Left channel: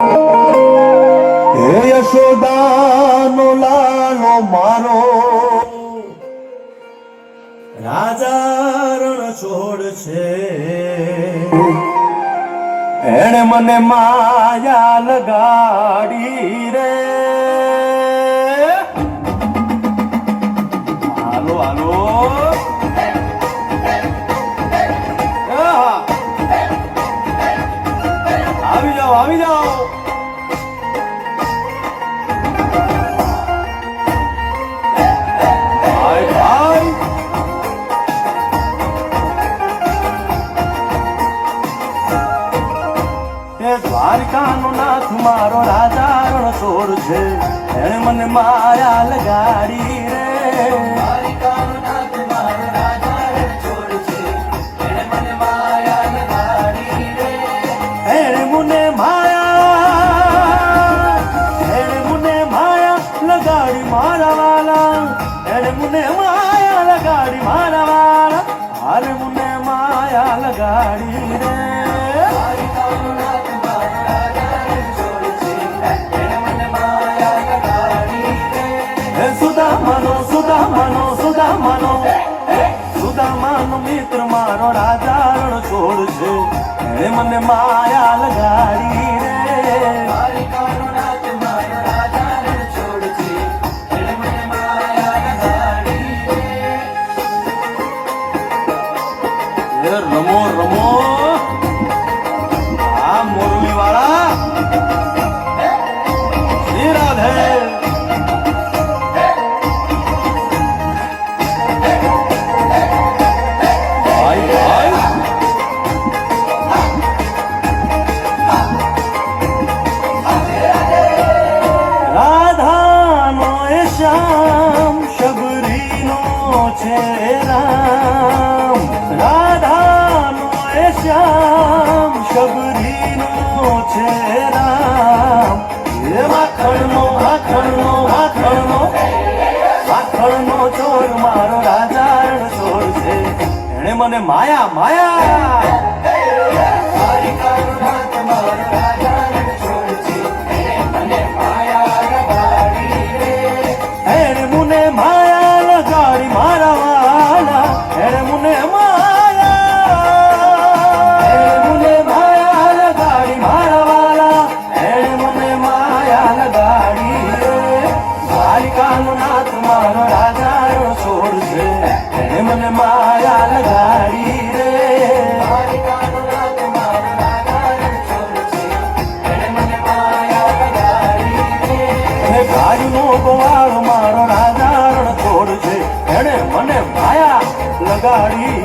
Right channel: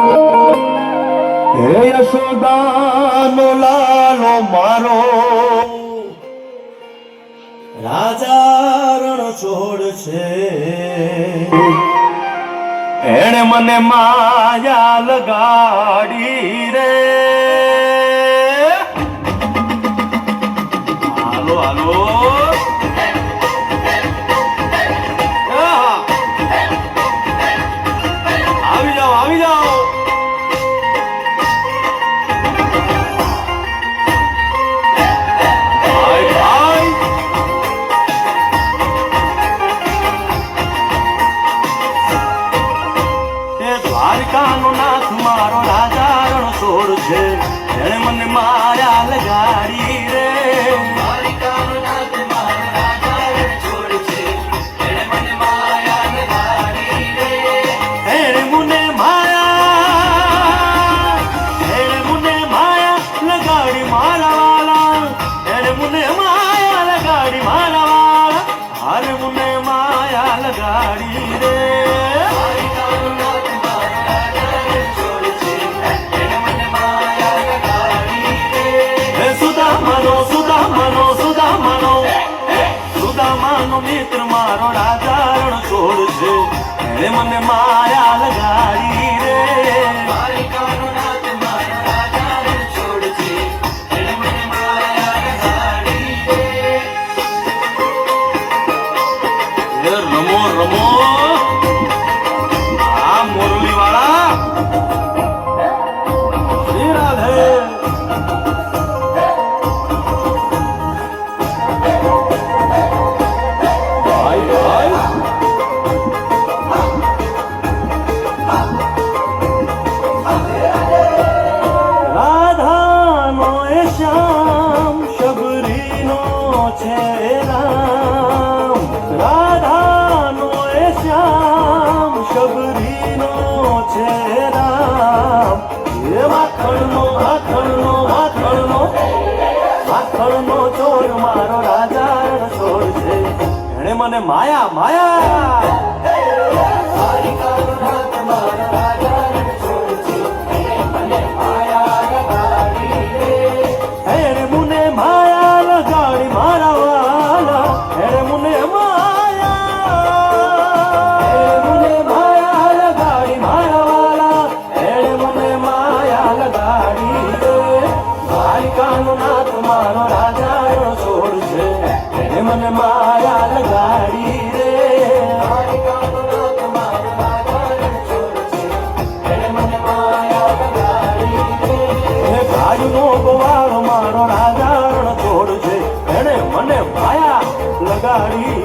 હે યશોદાનો લાલો મારો રાજા રણ છોડ છે, એણે મને માયા લગાડી રે. હાલો હાલો આવી જાઓ આવી જાઓ. દ્વારકાનો નાથ મારો રાજા રણછોડ છે, એણે મને માયા લગાડી રે. દ્વારકાનો નાથ મારો રાજા રણછોડ છે, એણે મને માયા લગાડી રે. એણે મને માયા લગાડી મારા વાલા, એણે મને માયા લગાડી મારા વાલા, હારે મને માયા લગાડી રે. સુદામાનો મિત્ર મારો રાજા રણછોડ છે, એણે મને માયા લગાડી રે. દ્વારકાનો નાથ મારો રાજા રણછોડ છે, એણે મને માયા લગાડી રે. રમો રમો આ મોરલી વાળા શ્રી રાધે. રાધાનો એ શ્યામ શબરીનો છે રામ, રાધાનો એ શ્યામ શબરીનો છે રામ. એ માખણનો માખણનો માખણનો માખણનો ચોર મારો રાજા રણછોડ છે, એણે મને માયા માયા. દ્વારકાનો નાથ મારો રાજા રણછોડ છે, એણે મને માયા લગાડી રે. દ્વારકાનો નાથ મારો રાજા રણછોડ છે, એણે મને માયા લગાડી રે. ગાયનો ગોવાળો મારો રાજા રણછોડ છે, એણે મને માયા લગાડી